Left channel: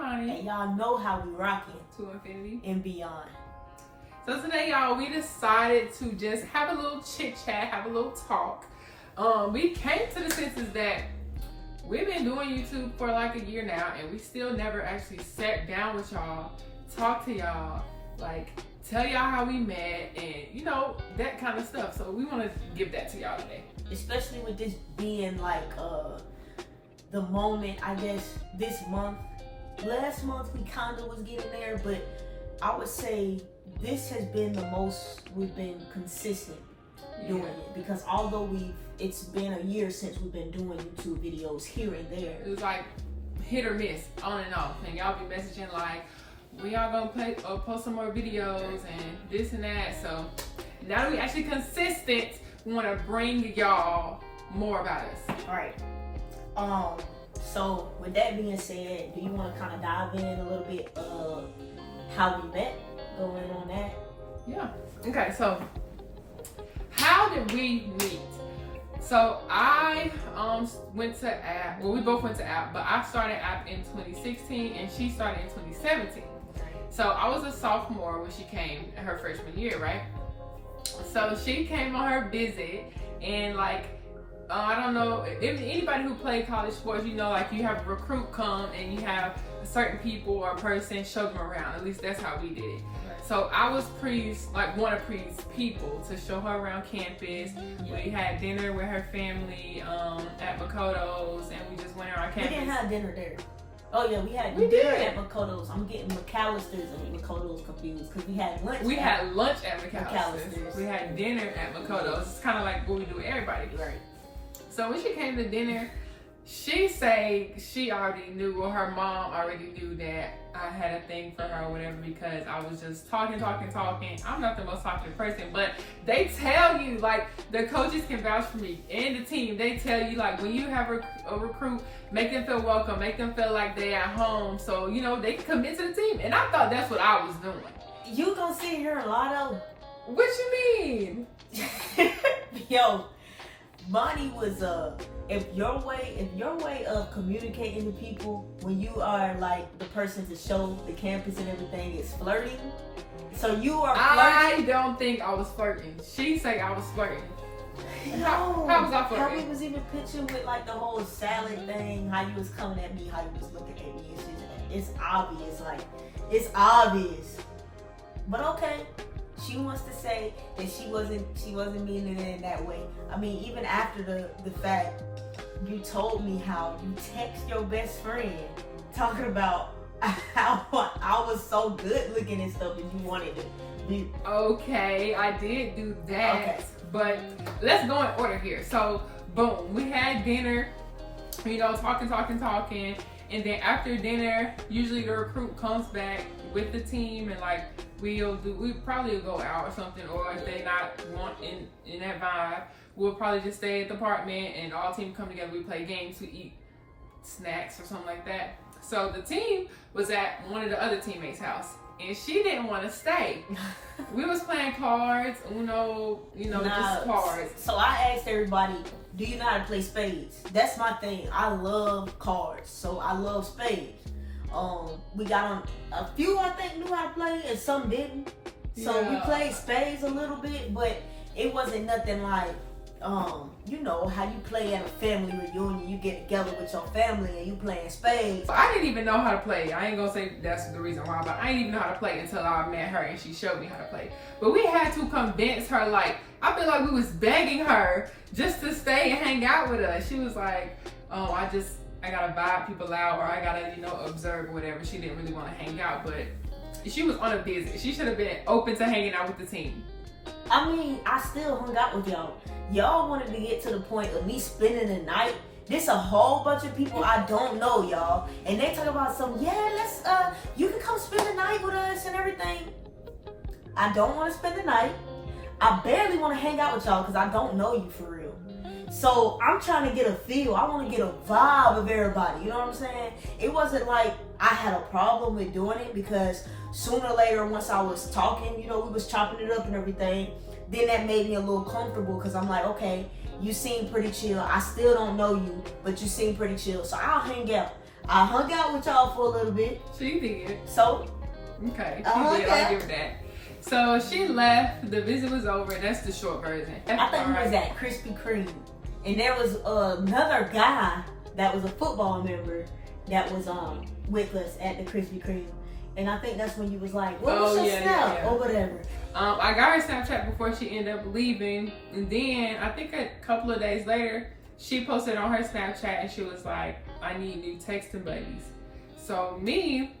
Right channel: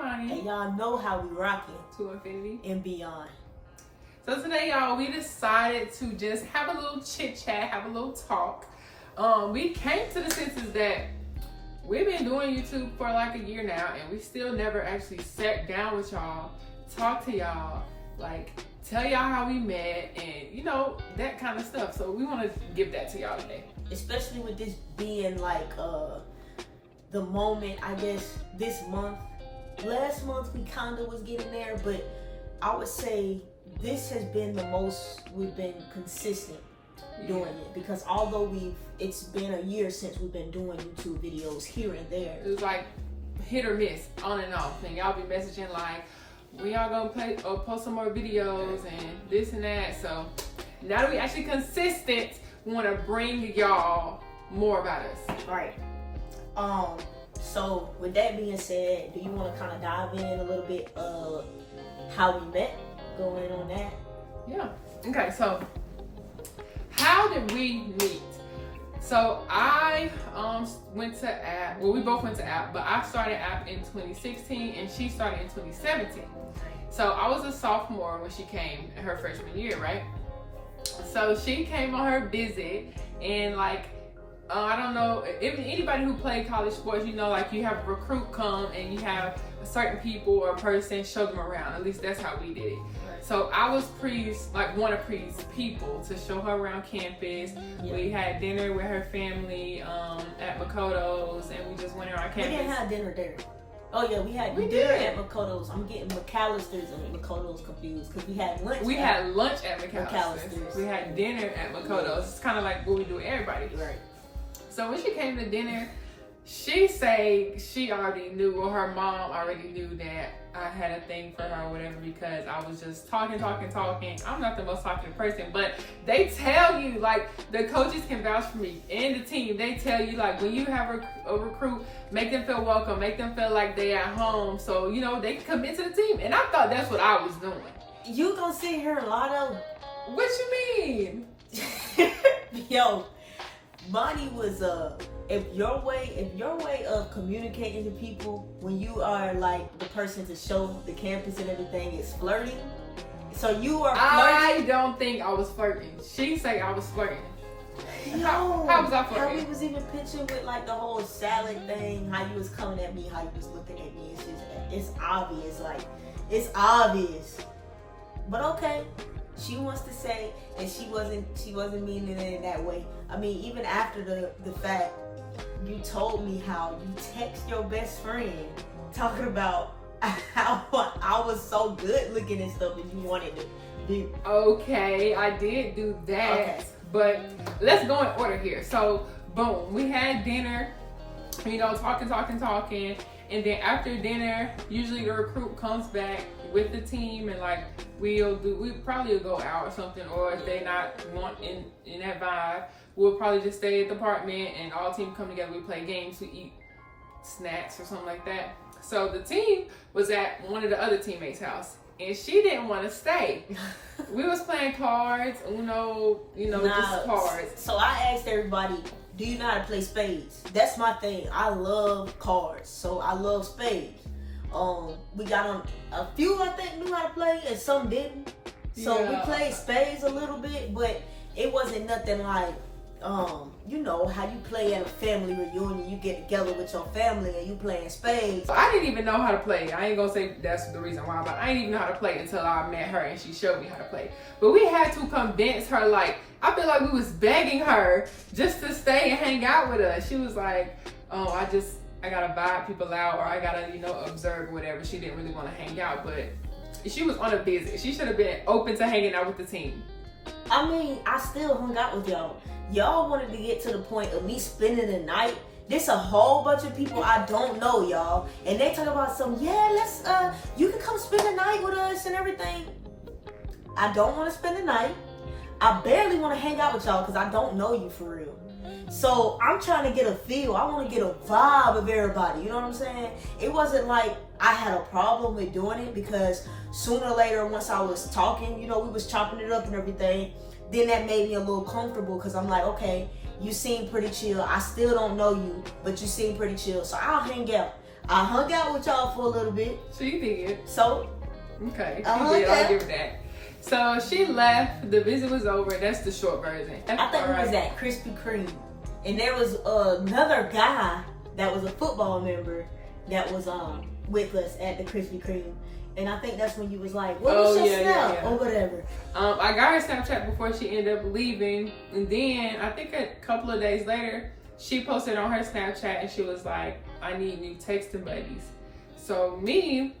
Imani. And y'all know how we rocking. To infinity and beyond. So today, y'all, we decided to just have a little chit chat, have a little talk. We came to the senses that we've been doing YouTube for like a year now, and we still never actually sat down with y'all, talk to y'all, like tell y'all how we met, and you know, that kind of stuff. So we want to give that to y'all today. Especially with this being like the moment, I guess, this month. Last month we kinda was getting there, but I would say this has been the most we've been consistent doing it, because although it's been a year since we've been doing YouTube videos here and there. It was like hit or miss, on and off, and y'all be messaging like, we all gonna play or post some more videos and this and that. So now that we actually consistent, we want to bring y'all more about us. All right. So with that being said, do you want to kind of dive in a little bit of how we met? Go in on that. Yeah. Okay. So how did we meet? So I went to app. Well, we both went to app, but I started app in 2016 and she started in 2017. So I was a sophomore when she came her freshman year, right? So she came on her visit, and like, I don't know, if anybody who played college sports, you know, like you have a recruit come and you have certain people or a person show them around. At least that's how we did it. So I was one of Pre's people to show her around campus. Yeah. We had dinner with her family at Makoto's, and we just went around campus. We didn't have dinner there. Oh yeah, we had dinner at Makoto's. I'm getting McAllister's and Makoto's confused because we had lunch. We had lunch at McAllister's. We had dinner at Makoto's. It's kind of like what we do with everybody. Right. So when she came to dinner, she said she already knew, or her mom already knew that I had a thing for her or whatever, because I was just talking. I'm not the most talkative person, but they tell you, like, the coaches can vouch for me and the team. They tell you, like, when you have a recruit, make them feel welcome, make them feel like they're at home, so, you know, they can commit to the team. And I thought that's what I was doing. You gonna sit here a lot of... What you mean? Yo, Bonnie was if your way of communicating to people when you are like the person to show the campus and everything is flirting. So you are flirting. I don't think I was flirting. She say I was flirting. No, how was I flirting? How we was even pitching with like the whole salad thing, how you was coming at me, how you was looking at me, and shit. It's obvious, like it's obvious. But okay. She wants to say that she wasn't meaning it in that way. I mean, even after the fact, you told me how you text your best friend talking about how I was so good looking and stuff, and you wanted to do. Okay, I did do that. Okay. But let's go in order here. So, boom, we had dinner, you know, talking. And then after dinner, usually the recruit comes back with the team, and like we probably will go out or something, or if they not want in that vibe, we'll probably just stay at the apartment and all team come together. We play games, we eat snacks or something like that. So the team was at one of the other teammates' house, and she didn't want to stay. We was playing cards, just cards. So I asked everybody, do you know how to play spades? That's my thing. I love cards, so I love spades. We got on a few, I think, knew how to play, and some didn't. So we played spades a little bit, but it wasn't nothing like, you know, how you play at a family reunion. You get together with your family and you playing spades. So I didn't even know how to play. I ain't gonna say that's the reason why, but I didn't even know how to play until I met her and she showed me how to play. But we had to convince her, like, I feel like we was begging her just to stay and hang out with us. She was like, oh, I gotta vibe people out, or I gotta, observe whatever. She didn't really want to hang out, but she was on a visit. She should have been open to hanging out with the team. I mean, I still hung out with y'all. Y'all wanted to get to the point of me spending the night. There's a whole bunch of people I don't know, y'all. And they talk about let's, you can come spend the night with us and everything. I don't want to spend the night. I barely want to hang out with y'all because I don't know you for real. So I'm trying to get a feel. I want to get a vibe of everybody. You know what I'm saying? It wasn't like I had a problem with doing it, because sooner or later, once I was talking, we was chopping it up and everything, then that made me a little comfortable, because I'm like, okay, you seem pretty chill. I still don't know you, but you seem pretty chill. So I'll hang out. I hung out with y'all for a little bit. So you did. So Okay. I'll Give that. So she left. The visit was over. That's the short version. I think we was at Krispy Kreme, and there was another guy that was a football member that was with us at the Krispy Kreme, and I think that's when you was like, "What was your Snap?" or whatever. I got her Snapchat before she ended up leaving, and then I think a couple of days later, she posted on her Snapchat, and she was like, "I need new texting buddies." So me.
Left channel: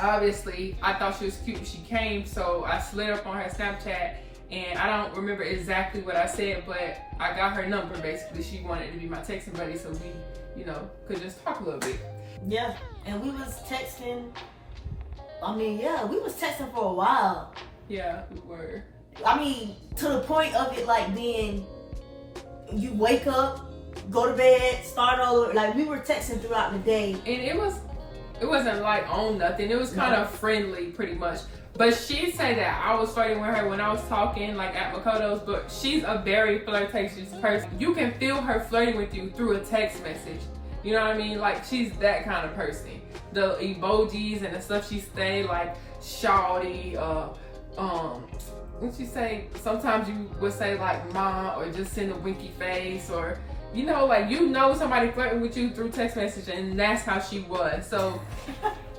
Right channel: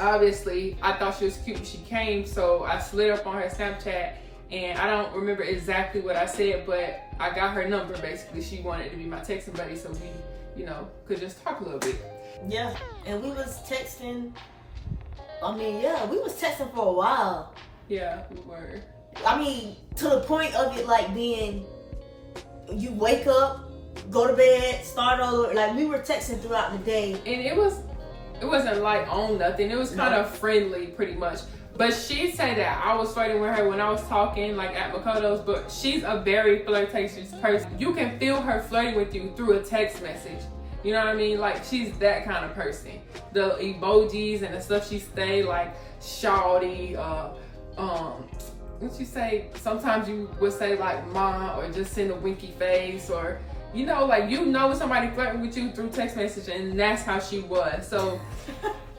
Obviously, I thought she was cute when she came, so I slid up on her Snapchat, and I don't remember exactly what I said, but I got her number. Basically, she wanted to be my texting buddy, so we, could just talk a little bit. Yeah, and we was texting. We was texting for a while. Yeah, we were. I mean, to the point of it like being, you wake up, go to bed, start over. Like we were texting throughout the day, and it wasn't like on nothing. It was kind of friendly, pretty much. But she said that I was flirting with her when I was talking, like at Makoto's. But she's a very flirtatious person. You can feel her flirting with you through a text message. You know what I mean? Like she's that kind of person. The emojis and the stuff she say, like shawty, what you say? Sometimes you would say like ma, or just send a winky face, or somebody flirting with you through text message, and that's how she was. So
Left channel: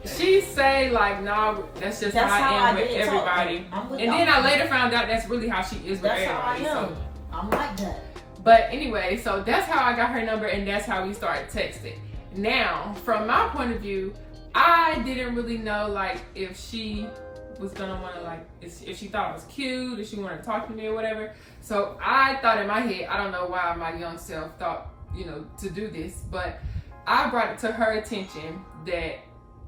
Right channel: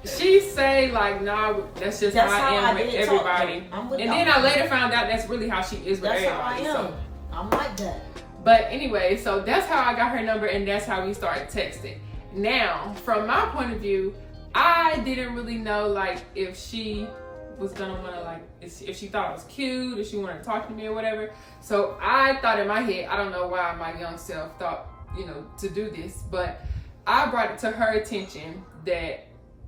she say like, nah, that's how I am with everybody. And then I later found out that's really how she is with everybody. That's how I am. I'm like that. But anyway, so that's how I got her number, and that's how we started texting. Now, from my point of view, I didn't really know like if she was gonna wanna if she thought I was cute, if she wanted to talk to me or whatever. So I thought in my head, I don't know why my young self thought, to do this, but I brought it to her attention that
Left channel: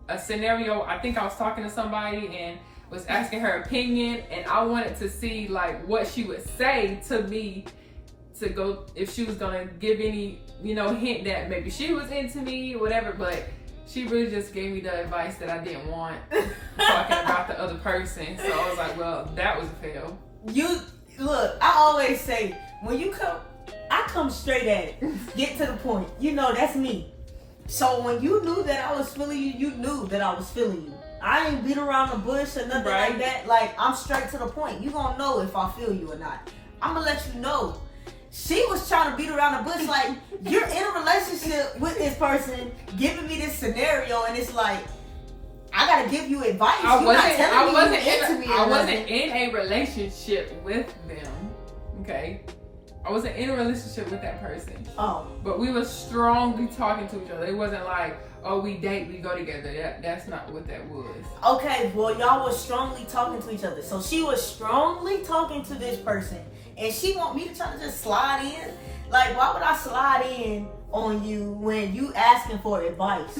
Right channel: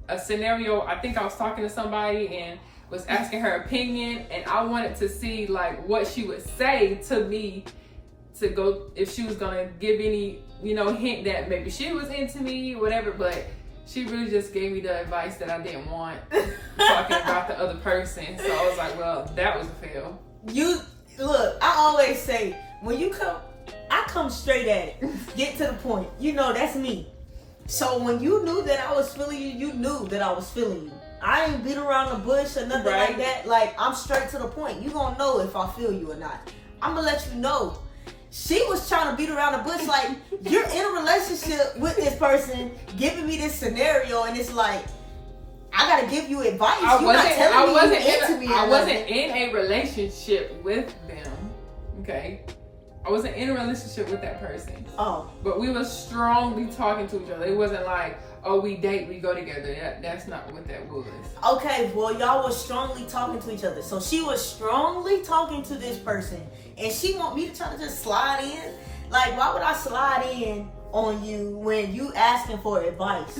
a scenario, I think I was talking to somebody and was asking her opinion, and I wanted to see like what she would say to me to go, if she was gonna give any, hint that maybe she was into me or whatever, but she really just gave me the advice that I didn't want, talking about the other person. So I was like, well, that was a fail. Look, I always say, when you come, I come straight at it. Get to the point. That's me. So when you knew that I was feeling you, you knew that I was feeling you. I ain't beat around the bush or nothing like that. Like, I'm straight to the point. You gonna know if I feel you or not. I'm gonna let you know. She was trying to beat around the bush like, you're in a relationship with this person, giving me this scenario, and it's like, I gotta give you advice. You're not telling me you're into me. I wasn't in a relationship with them. Okay, I wasn't in a relationship with that person. Oh, but we were strongly talking to each other. It wasn't like, oh, we date, we go together. That's not what that was. Okay, well, y'all was strongly talking to each other. So she was strongly talking to this person, and she want me to try to just slide in. Like, why would I slide in on you when you asking for advice?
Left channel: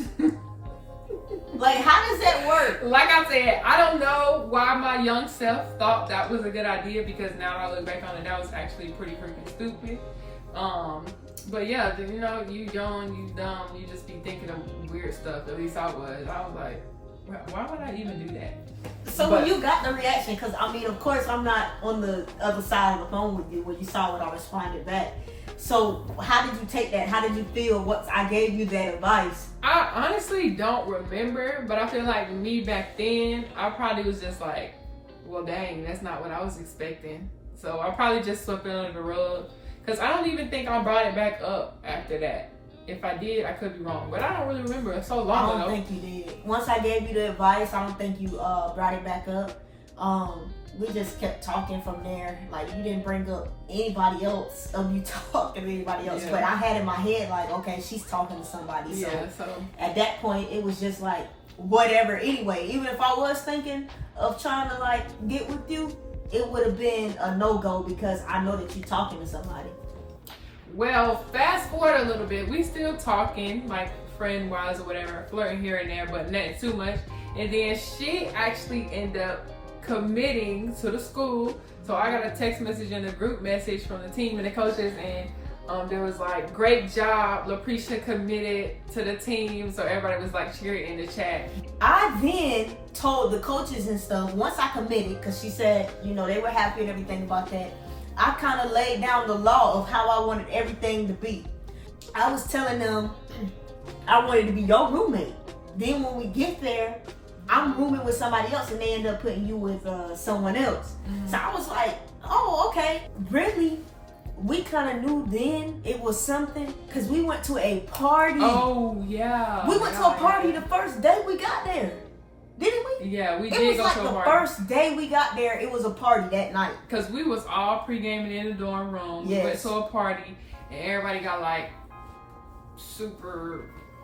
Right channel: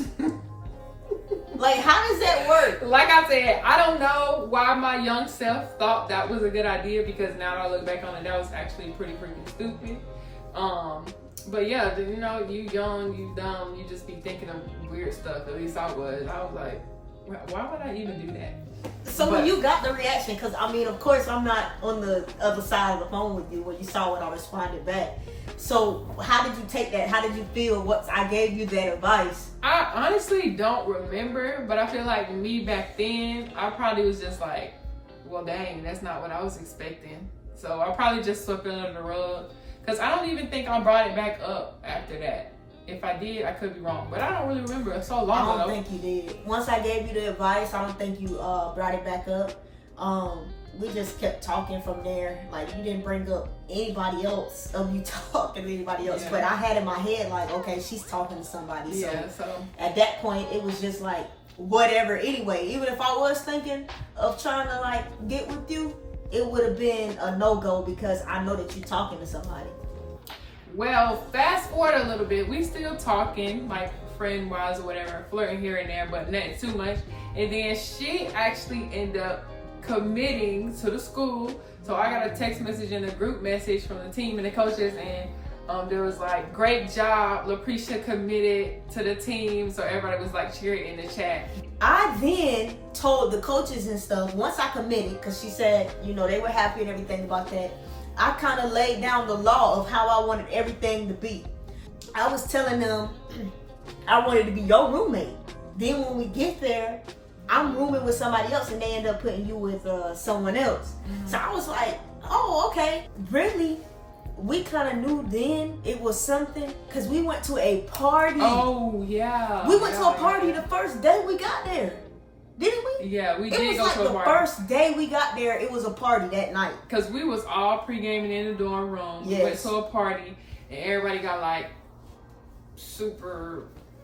Like, how does that work? Like I said, I don't know why my young self thought that was a good idea, because now that I look back on it, that was actually pretty freaking stupid. But yeah, you young, you dumb, you just be thinking of weird stuff. At least I was. I was like, why would I even do that? So when you got the reaction, because of course I'm not on the other side of the phone with you when you saw what I responded back. So how did you take that? How did you feel once I gave you that advice? I honestly don't remember, but I feel like me back then, I probably was just like, well, dang, that's not what I was expecting. So I probably just swept it under the rug, because I don't even think I brought it back up after that. If I did, I could be wrong, but I don't really remember. It's so long ago. I don't think you did. Once I gave you the advice, I don't think you brought it back up. We just kept talking from there. Like, you didn't bring up anybody else of you talking to anybody else. Yeah. But I had in my head like, okay, she's talking to somebody. So at that point, it was just like, whatever. Anyway, even if I was thinking of trying to like get with you, it would have been a no-go, because I know that you're talking to somebody. Well, fast forward a little bit. We still talking, like friend-wise or whatever, flirting here and there, but not too much. And then she actually ended up committing to the school. So I got a text message and a group message from the team and the coaches, and there was like, great job, LaPrisha committed to the team. So everybody was like cheering in the chat. I then told the coaches and stuff, once I committed, because she said, they were happy and everything about that, I kind of laid down the law of how I wanted everything to be. I was telling them, I wanted to be your roommate. Then when we get there, I'm rooming with somebody else, and they end up putting you with someone else. So I was like, oh, okay. Really, we kind of knew then it was something, because we went to a party. Oh, yeah. We went to a party the first day we got there. Didn't we? Yeah, we did It was go like to a the party. first day we got there, it was a party that night. Because we was all pre-gaming in the dorm room. We went Yes. to a party, and everybody got like super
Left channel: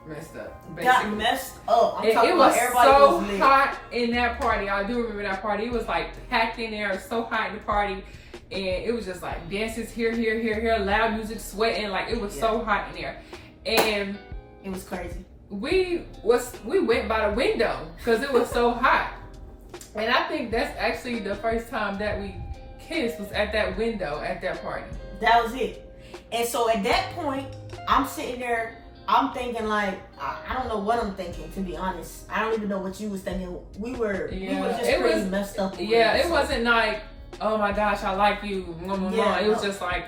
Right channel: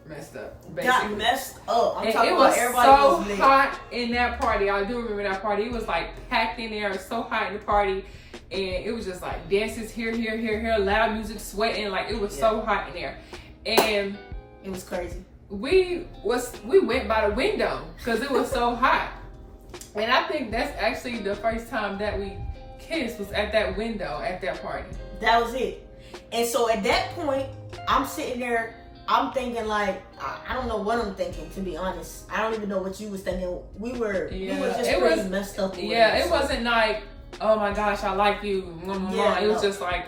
messed up. Got basically. messed up. I'm And talking it about was everybody so was lit. hot in that party. I do remember that party. It was like packed in there. It was so hot in the party. And it was just like dances here, loud music, sweating. Like it was so hot in there. And It was crazy. we went by the window because it was so hot. And I think that's actually the first time that we kissed was at that window at that party. That was it. And so at that point, I'm sitting there, I'm thinking like, I don't know what I'm thinking, to be honest. I don't even know what you was thinking. We were just it pretty was- messed up. It wasn't like, oh my gosh, I like you. Yeah, It was no. just like,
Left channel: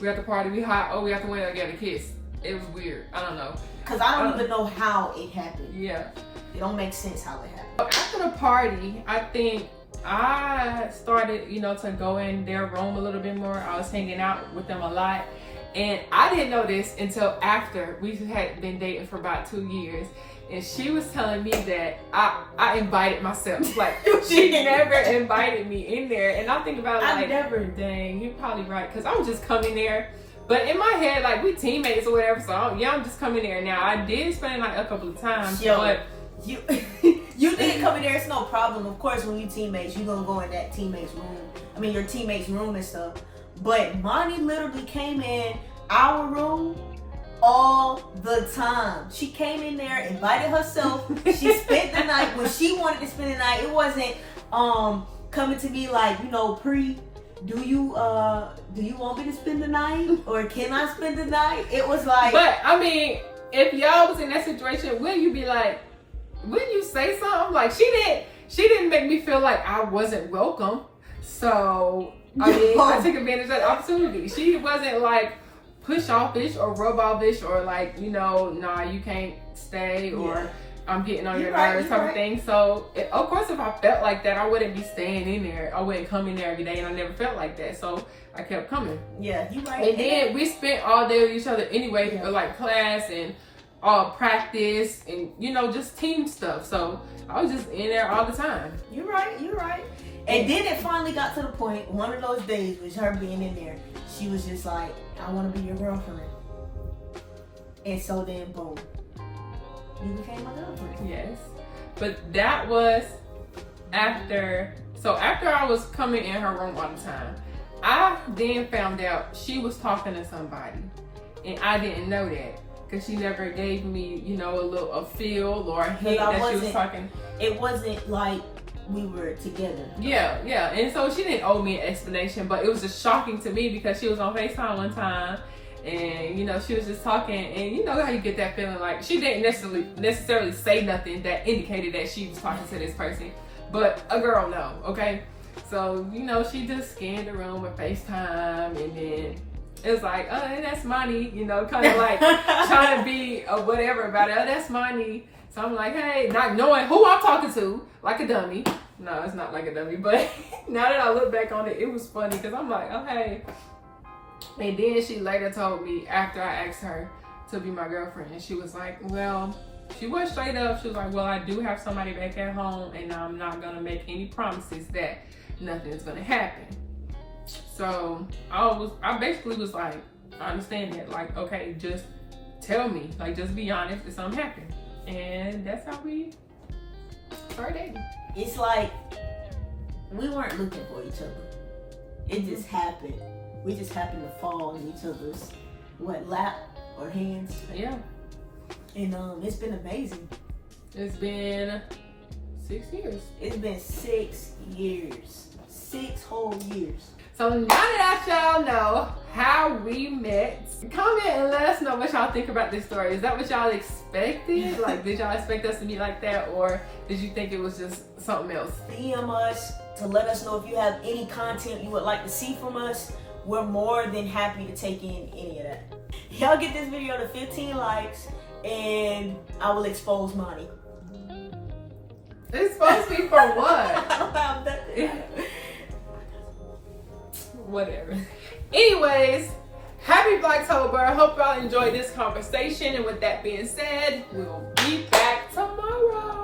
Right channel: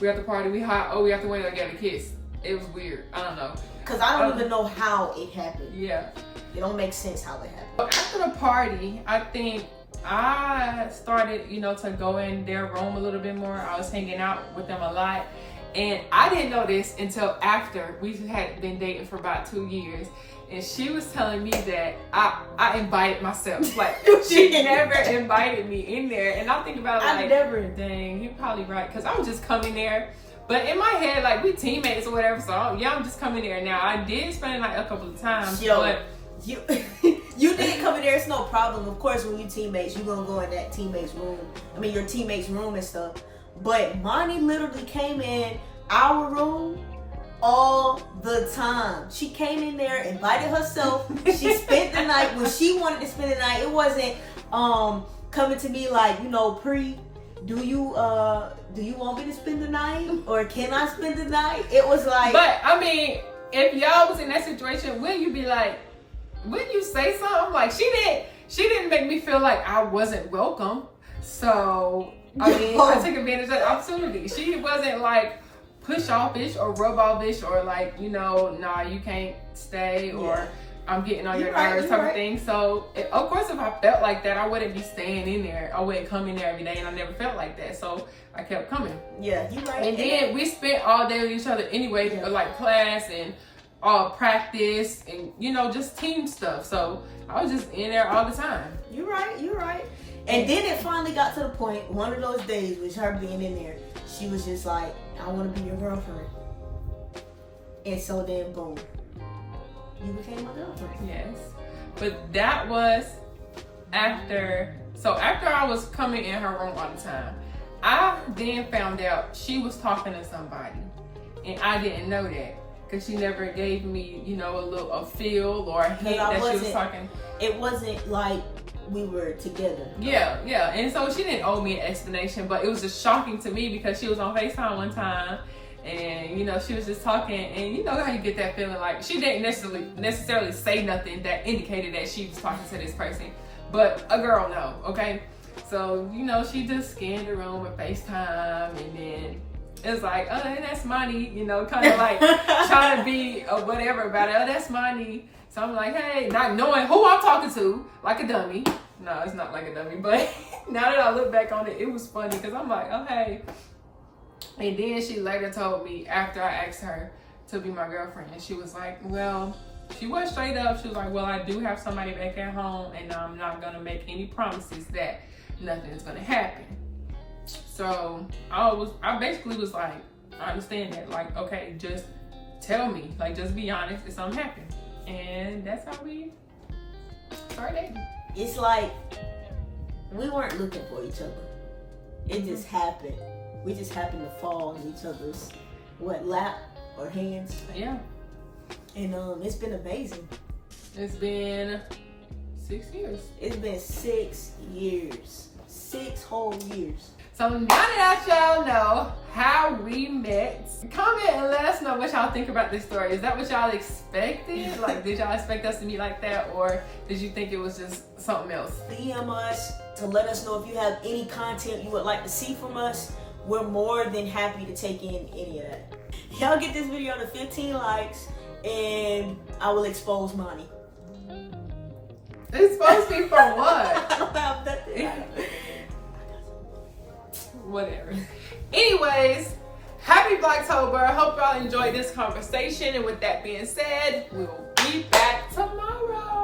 we at the party, we hot, oh, we have to wait to get a kiss. It was weird. I don't know. Because I don't even know how it happened. Yeah. It don't make sense how it happened. After the party, I think I started, to go in their room a little bit more. I was hanging out with them a lot. And I didn't know this until after we had been dating for about 2 years. And she was telling me that I invited myself. Like, she never invited me in there. And I think about it I like, never. dang, you're probably right. Because I'm just coming there. But in my head, like, we teammates or whatever. So, I'm just coming there. Now, I did spend the night a couple of times. Yo, but you you didn't come in there, it's no problem. Of course, when you teammates, you're going to go in that teammate's room. I mean, your teammate's room and stuff. But Monty literally came in our room all the time. She came in there, invited herself. She spent the night when she wanted to spend the night. It wasn't coming to me like, do you want me to spend the night, or can I spend the night? It was like, but I mean, if y'all was in that situation, wouldn't you be like, wouldn't you say something? Like, she didn't make me feel like I wasn't welcome. So I mean, I took advantage of that opportunity. She wasn't like push offish or rub offish or like, nah, you can't stay, or I'm getting on your nerves type of thing. So of course, if I felt like that, I wouldn't be staying in there. I wouldn't come in there every day, and I never felt like that. So I kept coming. Yeah, you right. And then we spent all day with each other anyway, like class and practice and just team stuff. So I was just in there all the time. You're right. And then it finally got to the point, one of those days with her being in there, she was just like, I want to be your girlfriend. And so then, boom, you became my girlfriend. Yes. But that was after I was coming in her room all the time, I then found out she was talking to somebody. And I didn't know that. Because she never gave me, a feel or a hint that she was talking. It wasn't like we were together. Yeah. And so she didn't owe me an explanation, but it was just shocking to me because she was on FaceTime one time and, she was just talking, and you know how you get that feeling like she didn't necessarily say nothing that indicated that she was talking to this person, but a girl know, okay? So, she just scanned the room with FaceTime, and then it was like, oh, that's money, kind of like trying to be a whatever about it. Oh, that's money. So I'm like, hey, not knowing who I'm talking to, like a dummy. No, it's not like a dummy, but now that I look back on it, it was funny because I'm like, oh, hey. And then she later told me after I asked her to be my girlfriend, and she was like, well, she was straight up. She was like, well, I do have somebody back at home, and I'm not going to make any promises that nothing's going to happen. So I basically was like, I understand that. Like, okay, just tell me. Like, just be honest if something happened. And that's how we started dating. It's like we weren't looking for each other. It just happened. We just happened to fall in each other's lap or hands. Yeah. And it's been amazing. It's been 6 years. It's been 6 years. 6 whole years. So now that y'all know how we met, comment and let us know what y'all think about this story. Is that what y'all expected? Like, did y'all expect us to be like that, or did you think it was just something else? DM us to let us know if you have any content you would like to see from us. We're more than happy to take in any of that. Y'all get this video to 15 likes and I will expose Monty. Expose me for what? I don't have nothing. Whatever. Anyways, happy Vlogtober. Hope y'all enjoyed this conversation. And with that being said, we'll be back tomorrow.